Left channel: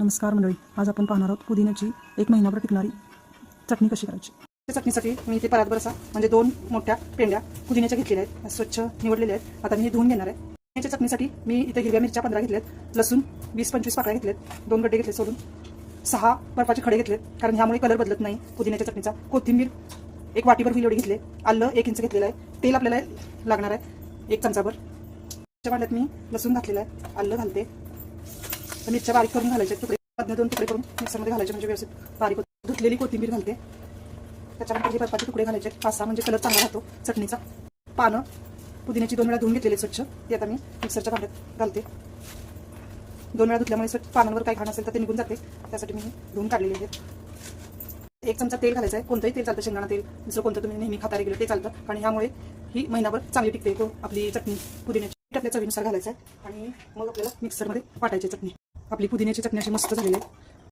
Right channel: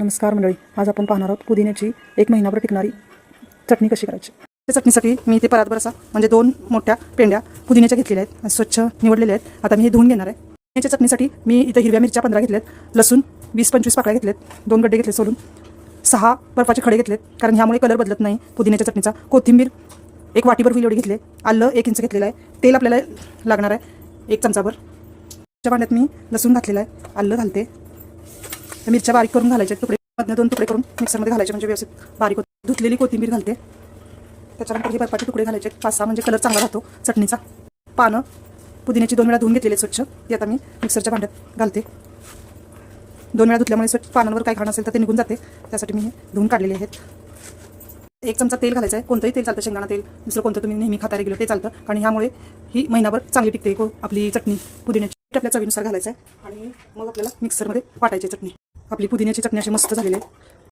नमस्कार मंडळी, आज आपण पाहणार आहोत पुदिन्याची 1 महिनाभर टिकणारी चटणी कशी करायची। त्या चटणीसाठी मी इथे परातभरसा म्हणजे 2 मोठ्या पेंड्या पुदिन्याच्या घेतलेल्या आहेत, स्वच्छ निवडलेल्या आहेत। आता मी हे धुवून घेणार आहे। पुदिन्याच्या चटणीसाठी मी इथे हिरव्या मिरच्या 15 घेतल्यात, लसूण 20-25 पाकळ्या घेतल्यात, 2 गड्डे घेतले सोलून, 6 बर्फाचे खडे घेतलेत कारण ह्यामुळे कलर बदलत नाही पुदिन्याच्या चटणीचा। कोथिंबीर 1 वाटीभर होईल एवढी घेतले, आलं 1 इंच घेतलेलं आहे, तेल आपल्याला लागणार आहे 1 चमचाभर। त्या भांड्यात मी लसूण घातलेला आहे, आलं घालते, मिरच्या बारीक करून घालायच्या, तुकडे मधने 2 तुकडे करून मिक्सरमध्ये घालायचे म्हणजे व्यवस्थित बारीक होते। धुतलेली कोथिंबीर घालते, त्याच्यानंतर हे बर्फाचे तुकडे घालायचे 5-6 म्हणजे कलर चांगला राहतो चटणीचा। पानं पुदिन्याची 2 वेळा धुवून घेतलेले स्वच्छ, ते आता मी मिक्सरच्या भांड्यात घालते। 2 वेळा धुतल्यामुळे स्वच्छ पानांवर काही घाण असेल तर ते निघून जाते, त्यासाठी मी धुवून काढलेले आहेत। 1 चमचा तेल घालायचं आहे, कोणतंही तेल चालतं, शेंगदाणा तेल, दुसरं कोणतं तुम्ही नेहमी खाता रेग्युलर ते चालतं, कारण ह्यामुळे ही महिनाभर चांगली टिकते आपली चटणी पुदिन्याची। आपल्या चवीनुसार घालायचं आहे आणि मग आपल्याला मिक्सरमध्ये वाटायची चटणी। आपली पुदिन्याची चटणी अशी मस्त झालेली आहे।